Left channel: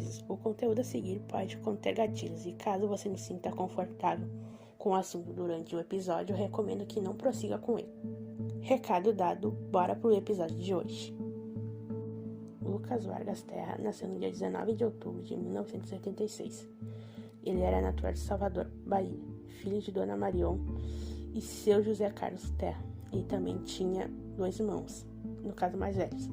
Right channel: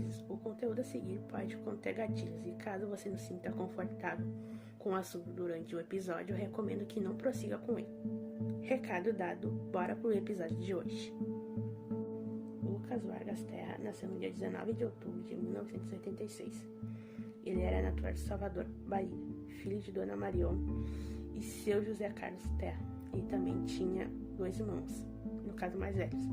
avisos. O conteúdo a seguir pode conter gatilhos e caso você não se sinta confortável com o assunto durante o episódio, eu recomendo que não prossiga com ele. Recado dado, bora pro episódio de hoje. Lucas Vargas Terra nasceu no dia 19 de outubro de 1986. Ele era natural de Salvador, Bahia, filho de Dona Marion e seu José Carlos Terra. E também tinha 2 irmãos, no caso mais velhos,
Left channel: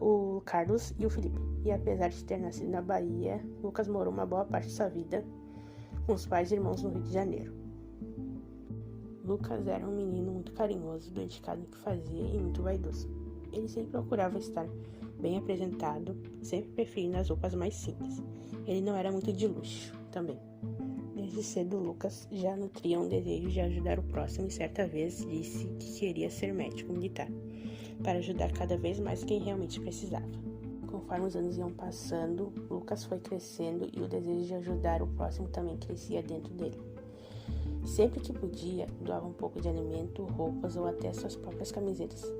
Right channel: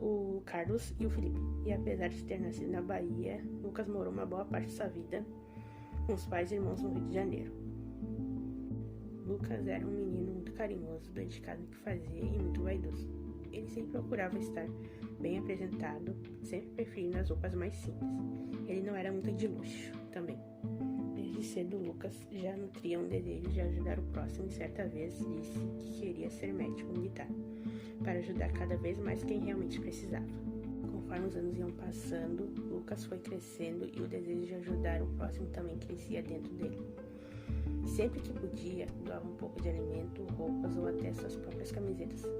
o Carlos e o Felipe. E apesar de ter nascido na Bahia, Lucas morou uma boa parte de sua vida com os pais e irmãos no Rio de Janeiro. Lucas era um menino muito carinhoso, dedicado no que fazia e muito vaidoso. Ele sempre procurava estar bem apresentado, sempre preferindo as roupas mais simples. Ele não era muito de luxo também. Desde cedo, Lucas já nutria um desejo de ajudar o próximo e certa vez disse que queria ser médico militar, para ajudar cada vez mais quem realmente precisava. Conforme os anos iam passando, Lucas foi crescendo e o desejo de ajudar o próximo também crescia dentro dele. Sempre que podia, doava um pouco de alimento, roupas ou até suas próprias camisetas,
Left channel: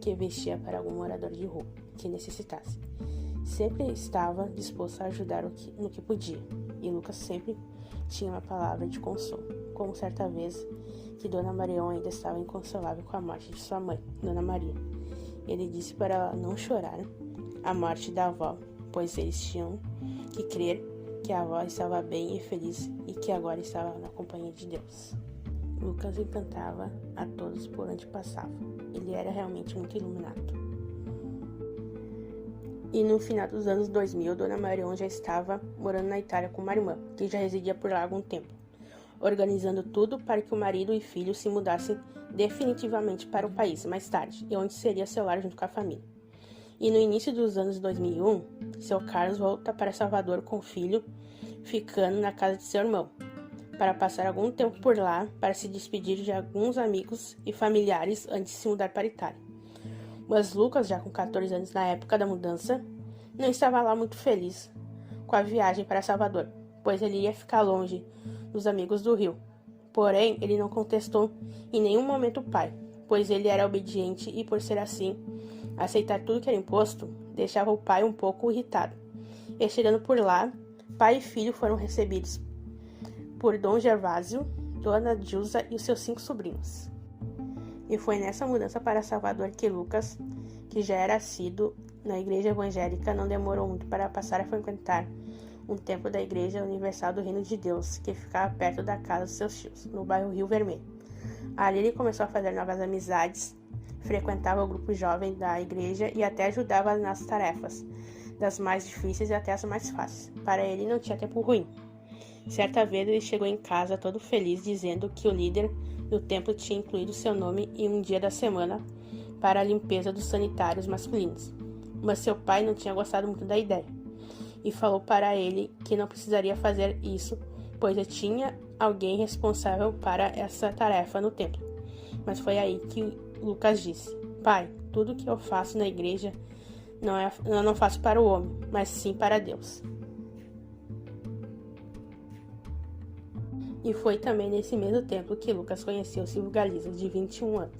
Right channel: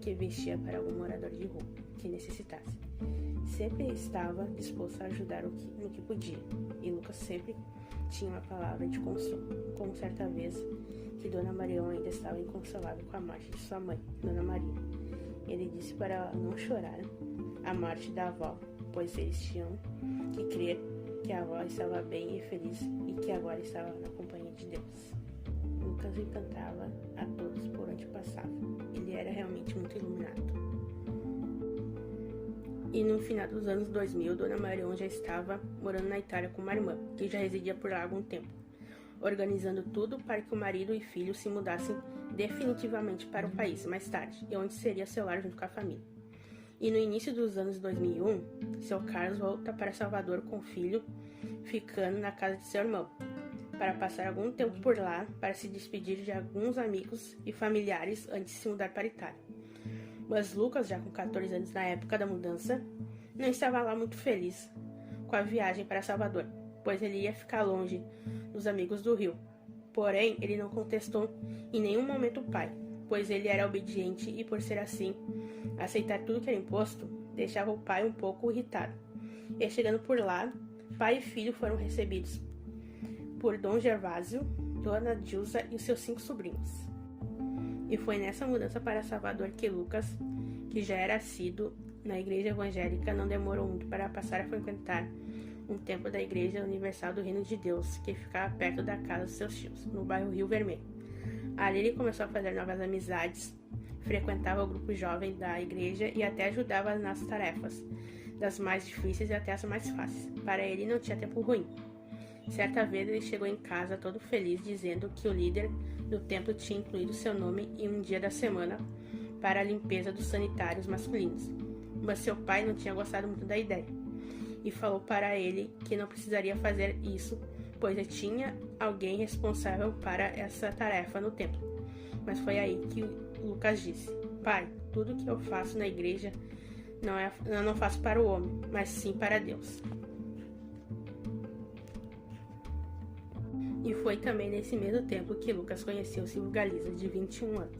que vestia para algum morador de rua que necessitasse. Sempre estava disposto a ajudar no que podia, e Lucas sempre tinha uma palavra de consolo, como certa vez que Dona Marion ainda estava inconsolável com a morte de sua mãe, Dona Maria. Ele disse para ela não chorar a morte da avó, pois eles tinham que crer que a avó estava bem e feliz e que agora estava na companhia de Deus. Lucas encantava a todos por onde passava. Ele era realmente muito iluminado. E no final dos anos 2000, Dona Marion já estava morando na Itália com uma irmã, que já residia por lá há algum tempo, organizando tudo para que o marido e filho se mudassem definitivamente para o país mais tarde, e onde seria seu lar junto com a família. E no início dos anos 2001, seu Carlos volta para Salvador com o filho, ficando na casa de seu irmão, para passar algum tempo por lá, para se despedir de alguns amigos e familiares antes de se mudar para a Itália. Mas Lucas, já com 14 anos na época da mudança, não estava lá muito feliz com a viagem para Salvador, pois ele ia ficar longe dos amigos do Rio. Porém, ele não contestou em nenhum momento o pai, pois ele era obediente e, por ser assim, aceitar tudo que era imposto, deixava o pai um pouco irritado. E chegando por lá, pai e filho foram recebidos por Dom Gervásio, Dona Dilsa e os seus 5 sobrinhos. E foi nessa mudança para Salvador que Lucas, que já era assíduo na igreja evangélica, não demorou muito para passar a frequentar um templo da Igreja Universal do Reino de Deus, que ficava perto da casa dos seus tios, no bairro Rio Vermelho. Ali ele começou a fazer novas amizades, frequentava o grupo jovem da igreja e até ajudava nas tarefas, das mais difíceis e até as mais fáceis. Para ele não tinha tempo ruim. Certa vez ele chegou em casa todo feliz, dizendo que o líder do templo tinha incluído seu nome em um dia da semana para a limpeza dos sanitários masculinos. Mas seu pai não tinha gostado muito da ideia e falou para ele que não precisaria fazer isso, pois já tinha alguém responsável para essa tarefa no templo. Mas foi aí que Lucas disse: "Pai, tudo que eu faço na igreja eu não faço para o homem, mas sim para Deus." E foi também nesse mesmo tempo que Lucas conheceu Silvio Galiza, de 21 anos.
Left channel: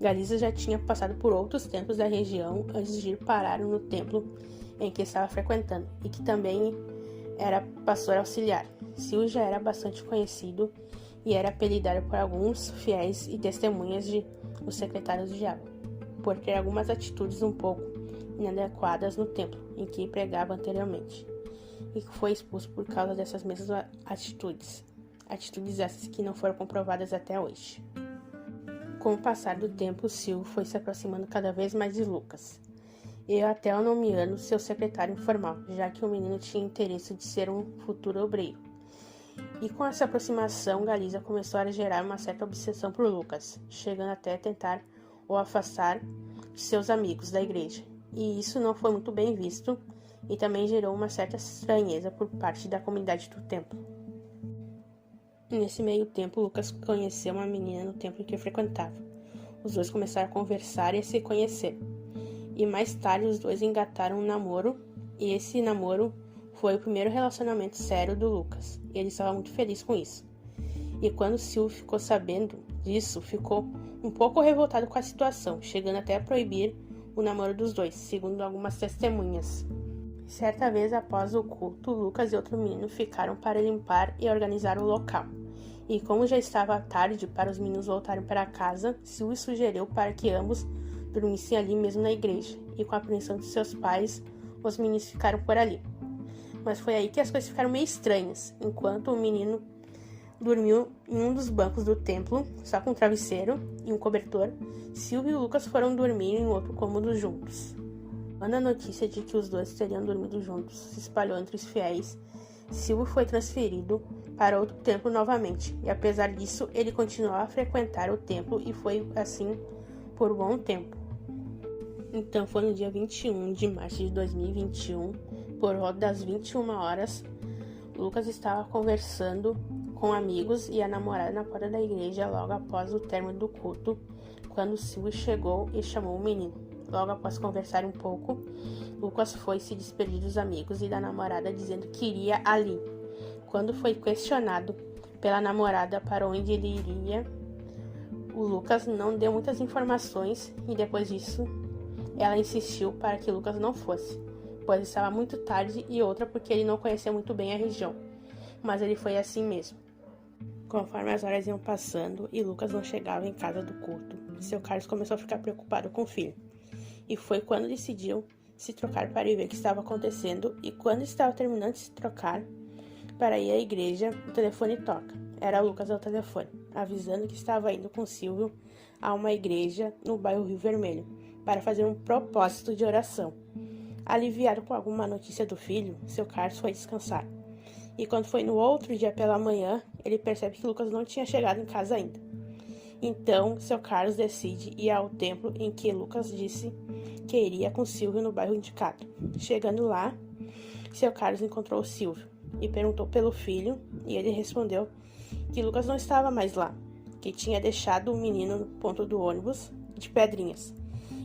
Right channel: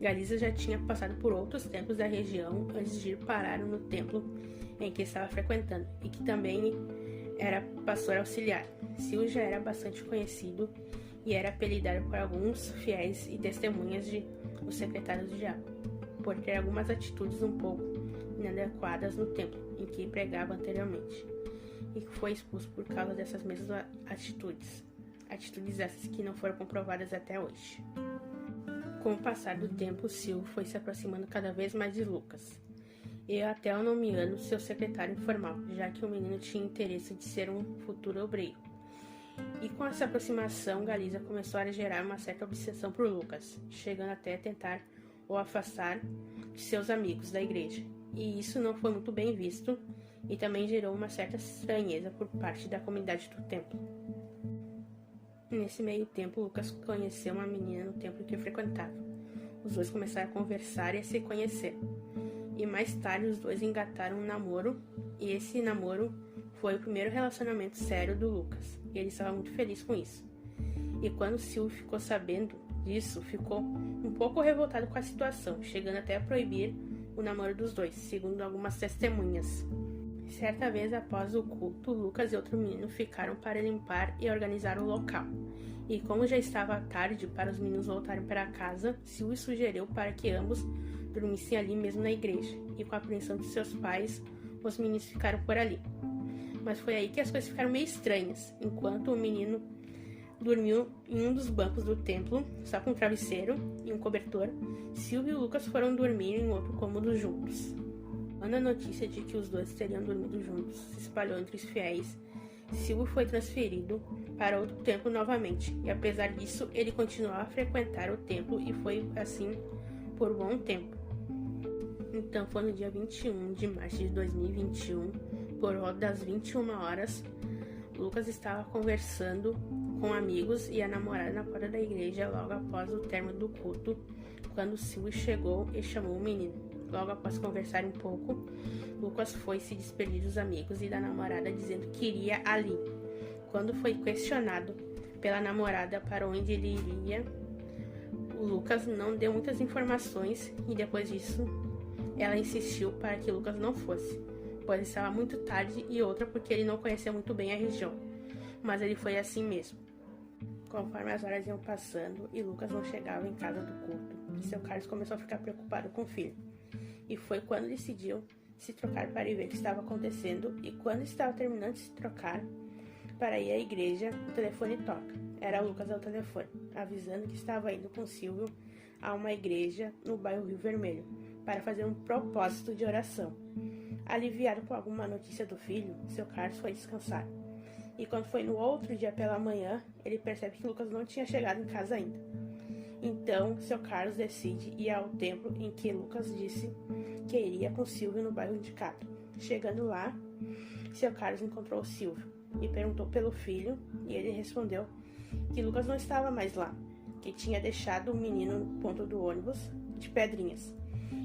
Galiza já tinha passado por outros templos da região antes de ir parar no templo em que estava frequentando, e que também era pastor auxiliar. Silvio já era bastante conhecido e era apelidado por alguns fiéis e testemunhas de os secretários do diabo, por ter algumas atitudes um pouco inadequadas no templo em que pregava anteriormente, e que foi expulso por causa dessas mesmas atitudes essas que não foram comprovadas até hoje. Com o passar do tempo, Silvio foi se aproximando cada vez mais de Lucas, e até o nomeando seu secretário informal, já que o menino tinha interesse de ser um futuro obreiro. E com essa aproximação, Galiza começou a gerar uma certa obsessão por Lucas, chegando até a tentar o afastar de seus amigos da igreja. E isso não foi muito bem visto, e também gerou uma certa estranheza por parte da comunidade do templo. E nesse meio tempo, Lucas conheceu uma menina no templo que frequentava. Os dois começaram a conversar e a se conhecer. E mais tarde os dois engataram um namoro, e esse namoro foi o primeiro relacionamento sério do Lucas, e ele estava muito feliz com isso. E quando Silvio ficou sabendo disso, ficou um pouco revoltado com a situação, chegando até a proibir o namoro dos dois, segundo algumas testemunhas. Certa vez, após o culto, Lucas e outro menino ficaram para limpar e organizar o local. E como já estava tarde para os meninos voltarem para casa, Silvio sugeriu para que ambos dormissem ali mesmo na igreja, e com a permissão de seus pais, os meninos ficaram por ali. Mas foi aí que as coisas ficaram meio estranhas. Enquanto o menino dormiu em um dos bancos do templo, só com um travesseiro e um cobertor, Silvio e Lucas foram dormir em outro cômodo juntos. Quando a notícia de que os dois teriam dormido juntos se espalhou entre os fiéis, Silvio foi transferido para outro templo novamente, e apesar disso, ele continuou a frequentar o templo e foi assim por um bom tempo. Então foi no dia 21 de março de 2021, por volta das 21 horas, Lucas estava conversando com amigos e a namorada na porta da igreja logo após o término do culto, quando Silvio chegou e chamou o menino. Logo após conversar um pouco, Lucas foi se despedir dos amigos e da namorada dizendo que iria ali. Quando foi questionado pela namorada para onde ele iria, o Lucas não deu muitas informações e depois disso ela insistiu para que Lucas não fosse, pois estava muito tarde, e outra porque ele não conhecia muito bem a região, mas ele foi assim mesmo. Conforme as horas iam passando e Lucas não chegava em casa do culto, seu Carlos começou a ficar preocupado com o filho, e foi quando decidiu se trocar para ir ver o que estava acontecendo, e quando estava terminando de se trocar para ir à igreja, o telefone toca. Era o Lucas ao telefone, avisando que estava indo com Silvio a uma igreja no bairro Rio Vermelho, para fazer um propósito de oração. Aliviado com alguma notícia do filho, seu Carlos foi descansar. E quando foi no outro dia pela manhã, ele percebe que Lucas não tinha chegado em casa ainda. Então, seu Carlos decide ir ao templo em que Lucas disse que iria com Silvio no bairro indicado. Chegando lá, seu Carlos encontrou Silvio e perguntou pelo filho, e ele respondeu que Lucas não estava mais lá, que tinha deixado o menino no ponto do ônibus de Pedrinhas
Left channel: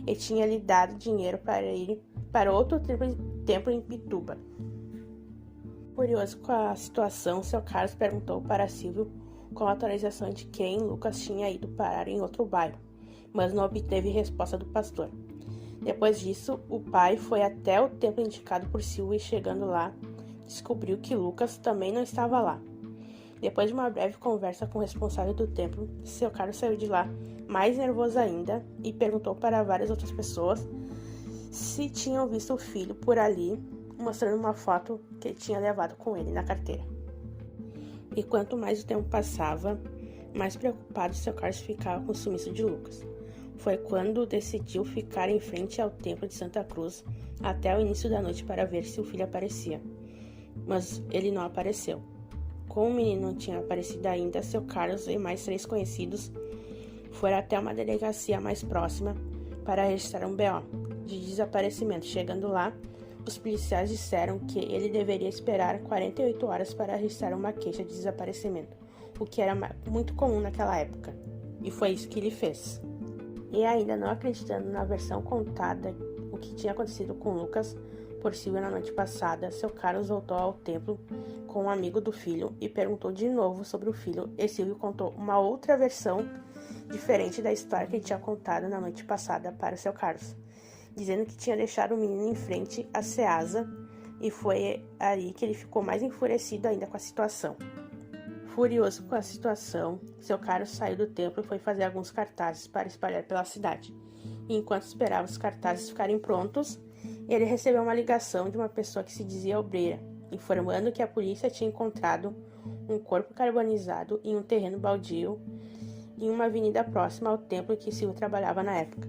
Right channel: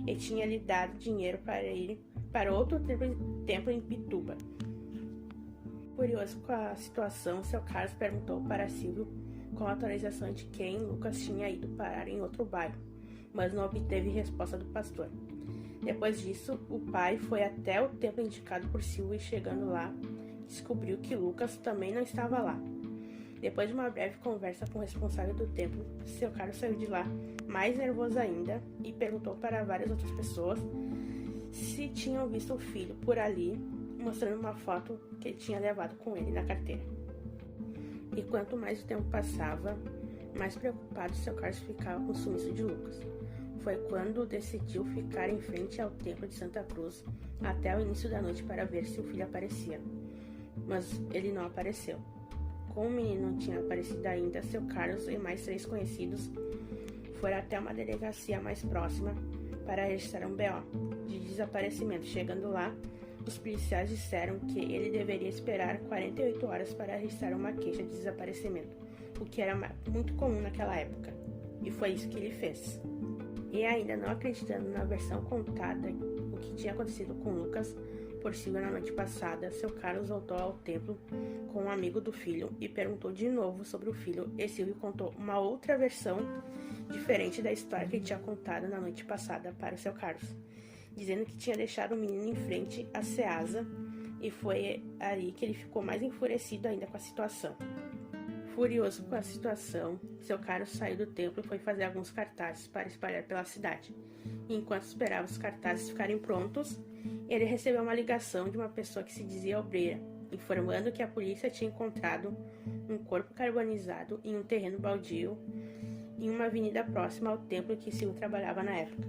e tinha lhe dado dinheiro para ir para outro templo em Pituba. Curioso com a situação, seu Carlos perguntou para Silvio com a autorização de quem Lucas tinha ido parar em outro bairro, mas não obteve resposta do pastor. Depois disso, o pai foi até o templo indicado por Silvio e, chegando lá, descobriu que Lucas também não estava lá. Depois de uma breve conversa com o responsável do templo, seu Carlos saiu de lá mais nervoso ainda e perguntou para várias outras pessoas se tinham visto o filho por ali, mostrando uma foto que ele tinha levado com ele na carteira. E quanto mais o tempo passava, mais preocupado seu Carlos ficava com o sumiço de Lucas. Foi quando decidiu ficar em frente ao templo de Santa Cruz até o início da noite para ver se o filho aparecia. Mas ele não apareceu. Como o menino não tinha aparecido ainda, seu Carlos e mais 3 conhecidos foram até uma delegacia mais próxima para registrar um BO de desaparecimento. Chegando lá, os policiais disseram que ele deveria esperar 48 horas para registrar uma queixa de desaparecimento, o que era muito comum naquela época, e foi isso que ele fez. E ainda não acreditando na versão contada, o que tinha acontecido com Lucas por Silvio na noite passada, seu Carlos voltou ao templo com um amigo do filho e perguntou de novo sobre o filho, e Silvio contou uma outra versão diferente da história que ele tinha contado na noite passada para seu Carlos, dizendo que tinha deixado o menino em frente à Ceasa, e foi aí que ele ficou mais enfurecido ainda com a situação. Furioso com a situação, seu Carlos saiu do templo e foi fazer alguns cartazes para espalhar pela cidade. E enquanto esperava os cartazes ficarem prontos, ele recebeu uma ligação de uma pessoa que se dizia obreira, informando que a polícia tinha encontrado um corpo carbonizado em um terreno baldio em uma avenida próxima ao templo que Silvio trabalhava na época.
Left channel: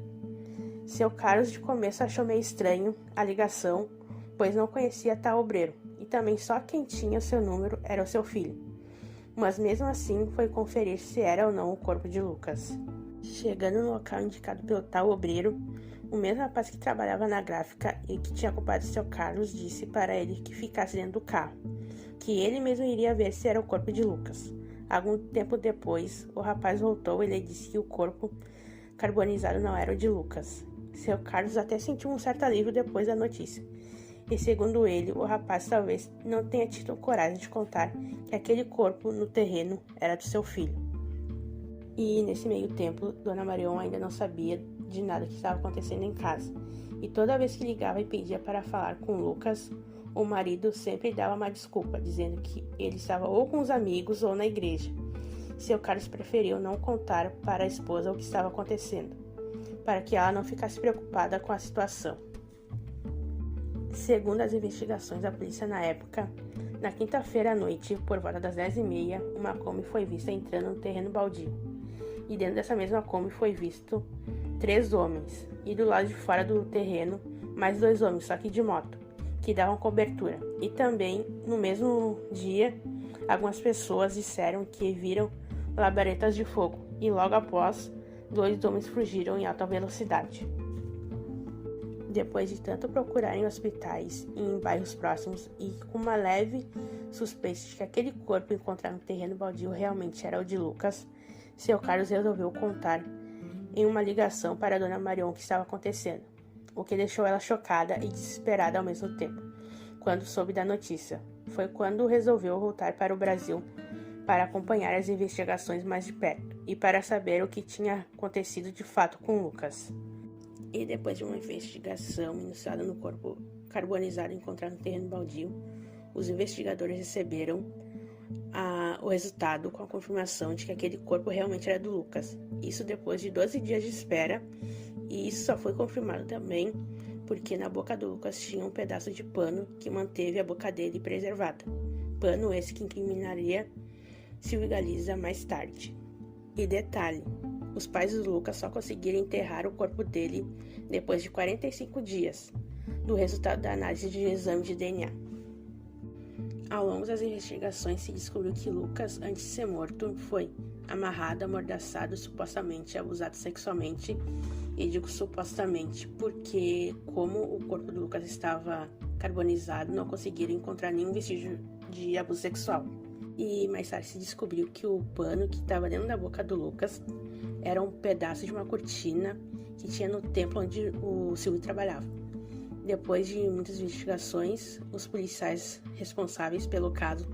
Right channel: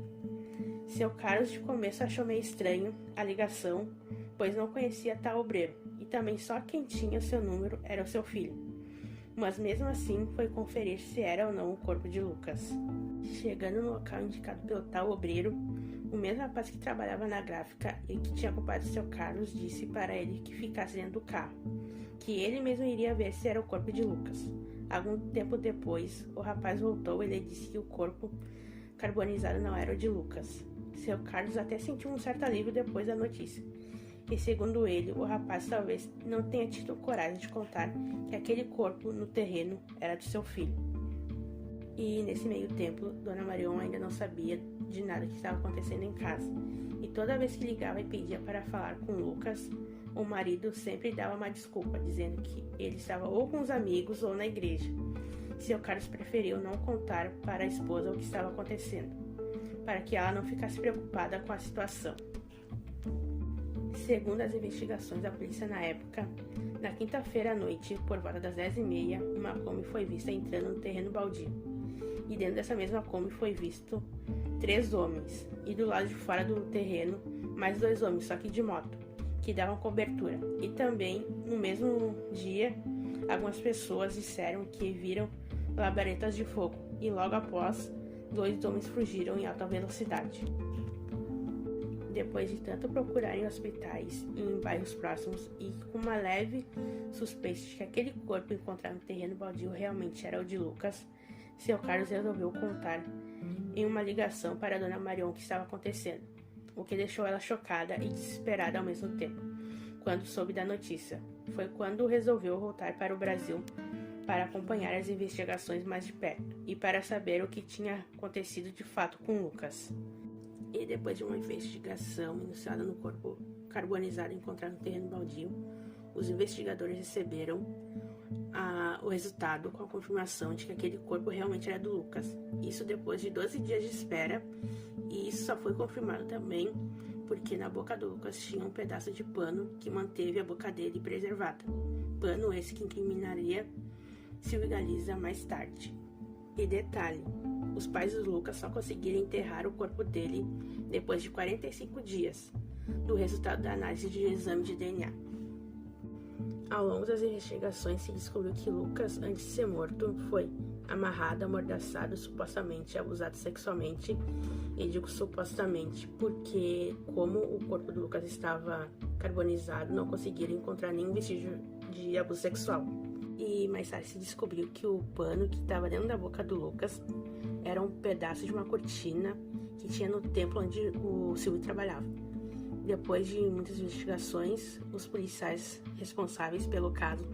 Seu Carlos de começo achou meio estranho a ligação, pois não conhecia tal obreiro, e também só quem tinha seu número era o seu filho. Mas mesmo assim foi conferir se era ou não o corpo de Lucas. Chegando no local indicado pelo tal obreiro, o mesmo rapaz que trabalhava na gráfica e que tinha culpado seu Carlos disse para ele que ficasse dentro do carro, que ele mesmo iria ver se era o corpo de Lucas. Algum tempo depois, o rapaz voltou e ele disse que o corpo carbonizado não era o de Lucas. Seu Carlos até sentiu um certo alívio depois da notícia. E segundo ele, o rapaz talvez não tenha tido coragem de contar que aquele corpo no terreno era do seu filho. E nesse meio tempo, Dona Marion ainda não sabia de nada que estava acontecendo em casa. e toda vez que ligava e pedia para falar com Lucas, o marido sempre dava uma desculpa, dizendo que ele estava ou com os amigos ou na igreja. Seu Carlos preferiu não contar para a esposa o que estava acontecendo, para que ela não ficasse preocupada com a situação. Segundo as investigações da polícia na época, na quinta-feira à noite, por volta das 10h30, uma Kombi foi vista entrando no terreno baldio. E dentro dessa mesma Kombi foi visto 3 homens, e do lado de fora do terreno, mais 2 homens, só que de moto, que davam cobertura. E também, no mesmo dia, algumas pessoas disseram que viram labaredas de fogo, e logo após, 2 homens fugiram em alta velocidade. Depois de tanto procurar em hospitais e em bairros próximos e com uma leve suspeita de que aquele corpo encontrado no terreno baldio realmente era o de Lucas, seu Carlos resolveu contar em uma ligação para a dona Marion o que estava acontecendo, o que deixou ela chocada e desesperada ao mesmo tempo. Quando soube da notícia, foi quando resolveu voltar para o Brasil para acompanhar as investigações mais de perto e para saber o que tinha acontecido de fato com Lucas. E depois de uma investigação iniciada no corpo carbonizado encontrado no terreno baldio, os investigadores receberam o resultado com a confirmação de que aquele corpo realmente era do Lucas. Isso depois de 12 dias de espera, e isso só foi confirmado também porque na boca do Lucas tinha um pedaço de pano que manteve a boca dele preservada. Pano esse que incriminaria Silvio Galiza mais tarde. E detalhe, os pais do Lucas só conseguiram enterrar o corpo dele depois de 45 dias, do resultado da análise de exame de DNA. Ao longo das investigações se descobriu que Lucas, antes de ser morto, foi amarrado, amordaçado, supostamente abusado sexualmente. E digo supostamente porque, como o corpo do Lucas estava carbonizado, não conseguiram encontrar nenhum vestígio de abuso sexual. E mais tarde se descobriu que o pano que estava dentro da boca do Lucas era um pedaço de uma cortina que tinha no templo onde o Silvio trabalhava. Depois de muitas investigações, os policiais responsáveis pelo caso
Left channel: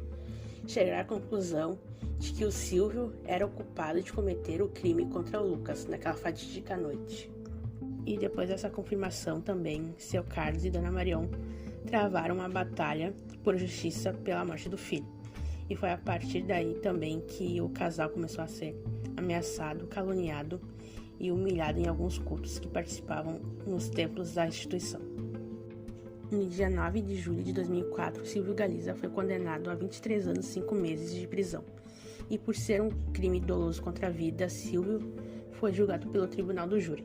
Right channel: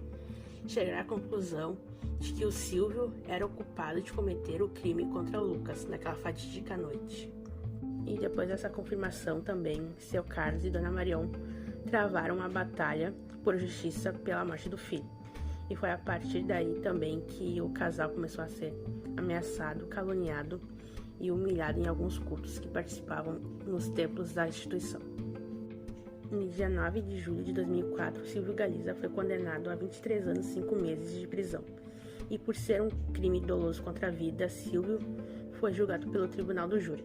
chegaram à conclusão de que o Silvio era o culpado de cometer o crime contra o Lucas naquela fatídica noite. E depois dessa confirmação também, seu Carlos e dona Marion travaram uma batalha por justiça pela morte do filho. E foi a partir daí também que o casal começou a ser ameaçado, caluniado e humilhado em alguns cultos que participavam nos templos da instituição. No dia 9 de julho de 2004, Silvio Galiza foi condenado a 23 anos e 5 meses de prisão. E por ser um crime doloso contra a vida, Silvio foi julgado pelo Tribunal do Júri.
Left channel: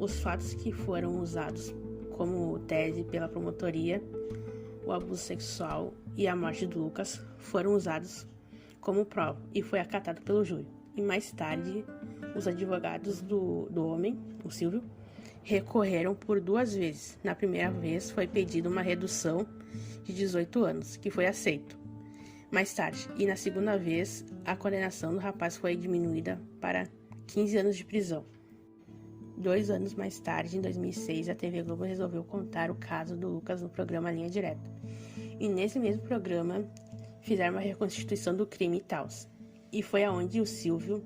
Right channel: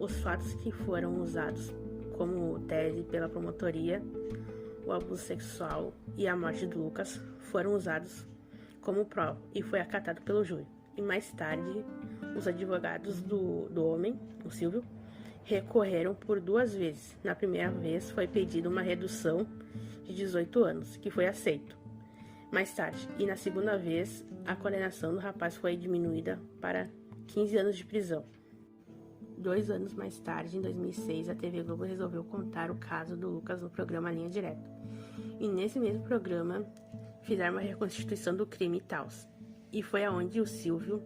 Os fatos que foram usados como tese pela promotoria, o abuso sexual e a morte do Lucas, foram usados como prova e foi acatado pelo júri. E mais tarde, os advogados do homem, o Silvio, recorreram por 2 vezes. Na primeira vez foi pedida uma redução de 18 anos, que foi aceito mais tarde. E na segunda vez, a condenação do rapaz foi diminuída para 15 anos de prisão. 2 anos mais tarde, em 2006, a TV Globo resolveu contar o caso do Lucas no programa Linha Direta. E nesse mesmo programa, fizeram uma reconstituição do crime e tal. E foi aonde o Silvio,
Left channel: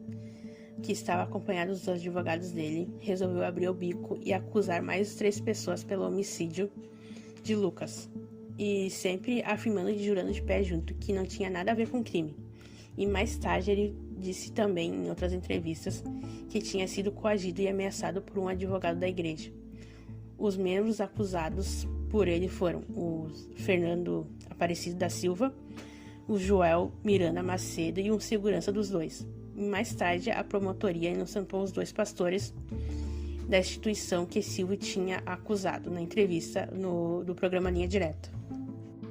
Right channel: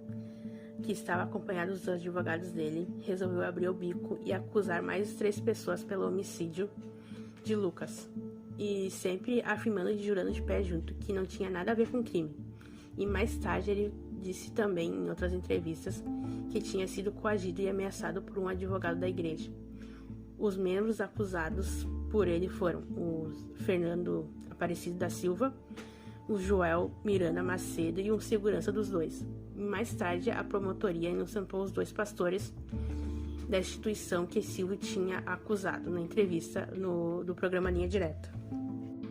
que estava acompanhado dos advogados dele, resolveu abrir o bico e acusar mais 3 pessoas pelo homicídio de Lucas. E sempre afirmando e jurando de pé junto que não tinha nada a ver com o crime. E mais tarde ele disse também em outras entrevistas que tinha sido coagido e ameaçado por um advogado da igreja. Os membros acusados por ele foram o Fernando Aparecido da Silva, o Joel Miranda Macedo e um segurança dos dois. E mais tarde, a promotoria inocentou os 2 pastores da instituição que Silvio tinha acusado na entrevista do programa Linha Direta.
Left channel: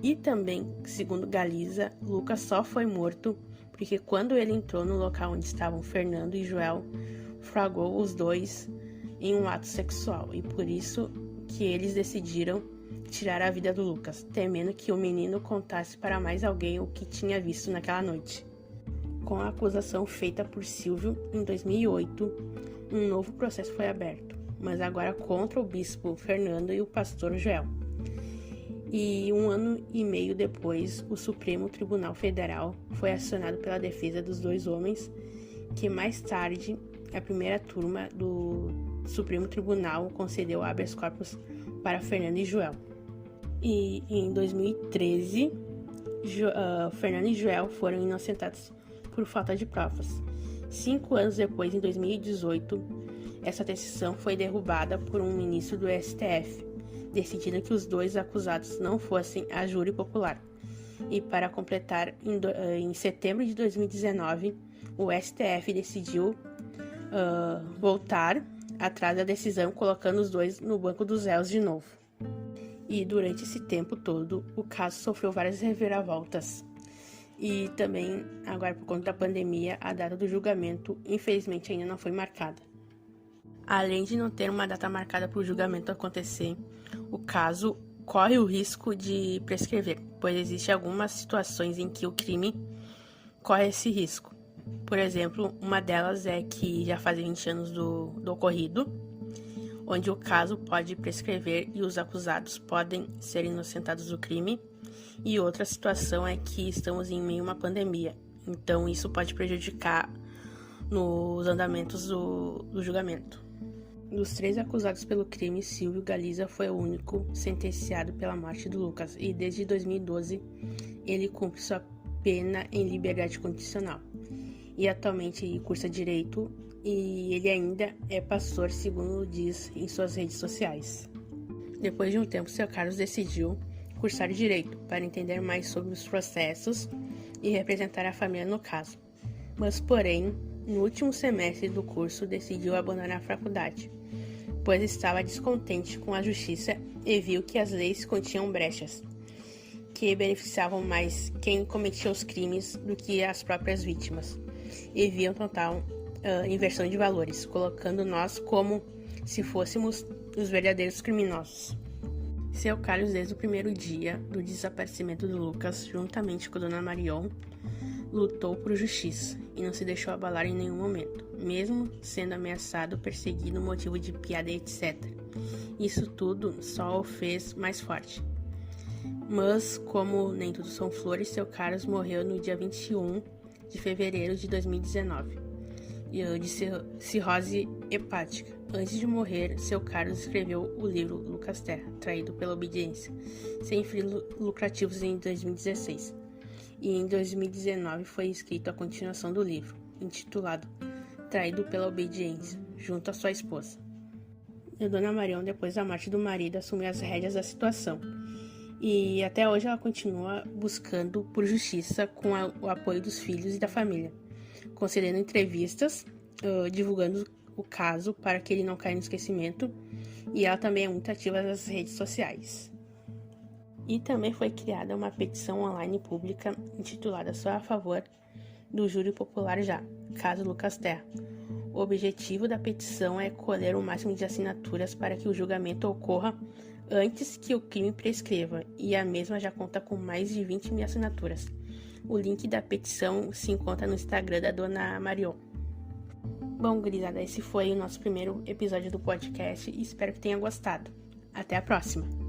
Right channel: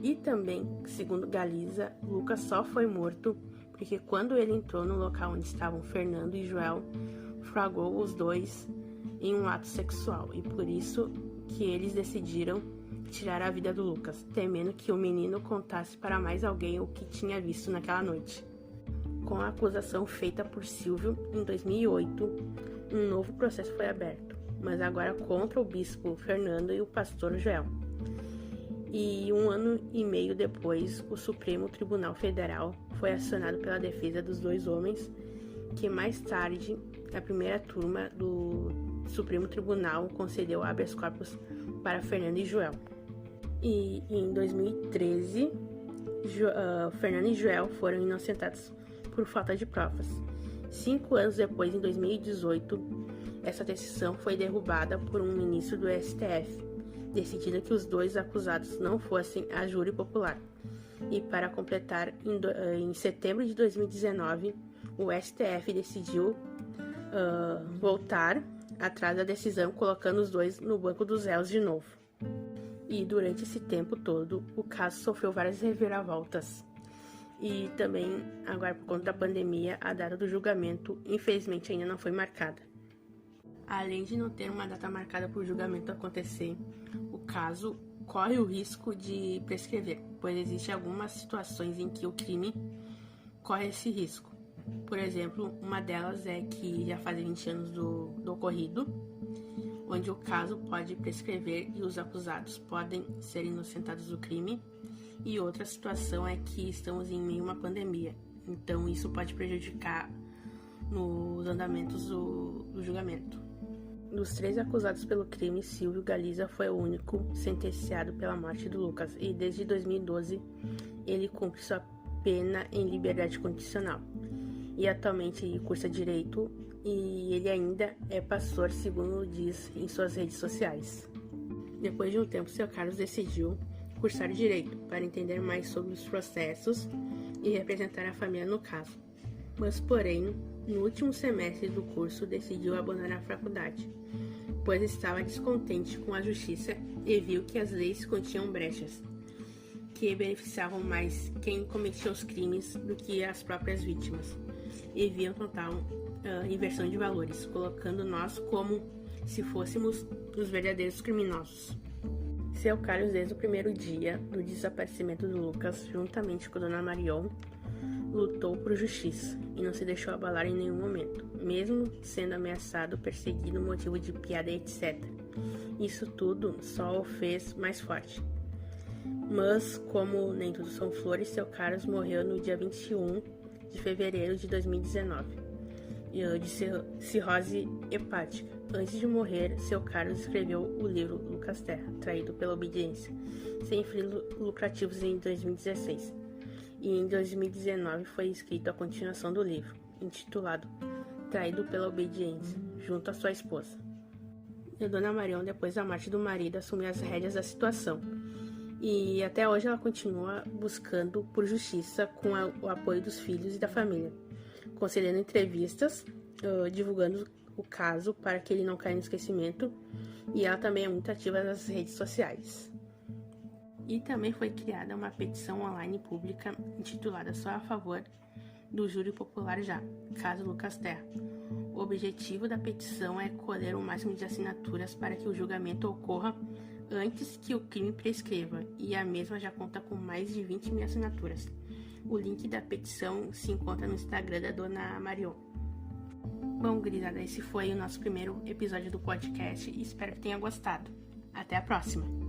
E também, segundo Galiza, Lucas só foi morto porque quando ele entrou no local onde estavam Fernando e Joel, flagrou os 2 em um ato sexual, e por isso que eles decidiram tirar a vida do Lucas, temendo que o menino contasse para mais alguém o que tinha visto naquela noite. Com a acusação feita por Silvio, em 2008, um novo processo foi aberto, mas agora contra o bispo Fernando e o pastor Joel. E 1 ano e meio depois, o Supremo Tribunal Federal foi acionado pela defesa dos 2 homens, que mais tarde, a primeira turma do Supremo Tribunal concedeu habeas corpus para Fernando e Joel. E em 2013, Fernando e Joel foram inocentados por falta de provas. 5 anos depois, em 2018, essa decisão foi derrubada por um ministro do STF, decidindo que os dois acusados não fossem a júri popular. E para completar, em setembro de 2019, o STF decidiu voltar atrás da decisão, colocando os dois no banco dos réus de novo. E durante esse tempo todo, o caso sofreu várias reviravoltas. E também, agora por conta da pandemia, a data do julgamento, infelizmente, ainda não foi marcada. Além de não ter uma data marcada para o julgamento acontecer, o caso corre o risco de prescrever, pois existem algumas situações em que o crime corre esse risco. Por exemplo, uma delas é que já faz 20 anos do ocorrido, onde o caso pode prescrever e os acusados podem ser inocentados do crime. E outra situação é que estamos em meio a uma pandemia, então isso pode prejudicar nos andamentos do julgamento. Dos 3 acusados pelo crime, Silvio Galiza foi o único sentenciado pela morte do Lucas, e desde 2012 ele cumpre sua pena em liberdade condicional. E atualmente ele cursa Direito e ele ainda é pastor, segundo diz em suas redes sociais. Depois de um tempo, seu Carlos decidiu cursar Direito para entender mais sobre os processos e representar a família no caso. Mas, porém, no último semestre do curso decidiu abandonar a faculdade, pois estava descontente com a justiça e viu que as leis continham brechas, que beneficiavam mais quem cometia os crimes do que as próprias vítimas, e viam total inversão de valores, colocando nós como se fôssemos os verdadeiros criminosos. Seu Carlos, desde o primeiro dia do desaparecimento do Lucas, juntamente com Dona Marion, lutou por justiça e não se deixou abalar em nenhum momento, mesmo sendo ameaçado, perseguido, motivo de piada, etc. Isso tudo só o fez mais forte. Mas, como nem tudo são flores, seu Carlos morreu no dia 21 de fevereiro de 2019, de cirrose hepática. Antes de morrer, seu Carlos escreveu o livro Lucas Terra, Traído pela Obediência, sem fins lucrativos, em 2016. E em 2019 foi escrita a continuação do livro, intitulado Traído pela Obediência, junto à sua esposa. E a Dona Marion, depois da morte do marido, assumiu as rédeas da situação. E até hoje ela continua buscando por justiça com o apoio dos filhos e da família, concedendo entrevistas, divulgando o caso para que ele não caia no esquecimento, e ela também é muito ativa nas redes sociais. E também foi criada uma petição online pública intitulada Só a Favor do Júri Popular Já, caso Lucas Terra. O objetivo da petição é colher o máximo de assinaturas para que o julgamento ocorra antes que o crime prescreva, e a mesma já conta com mais de 20 mil assinaturas. O link da petição se encontra no Instagram da Dona Marion. Bom, gurizada, esse foi o nosso primeiro episódio do podcast e espero que tenha gostado. Até a próxima!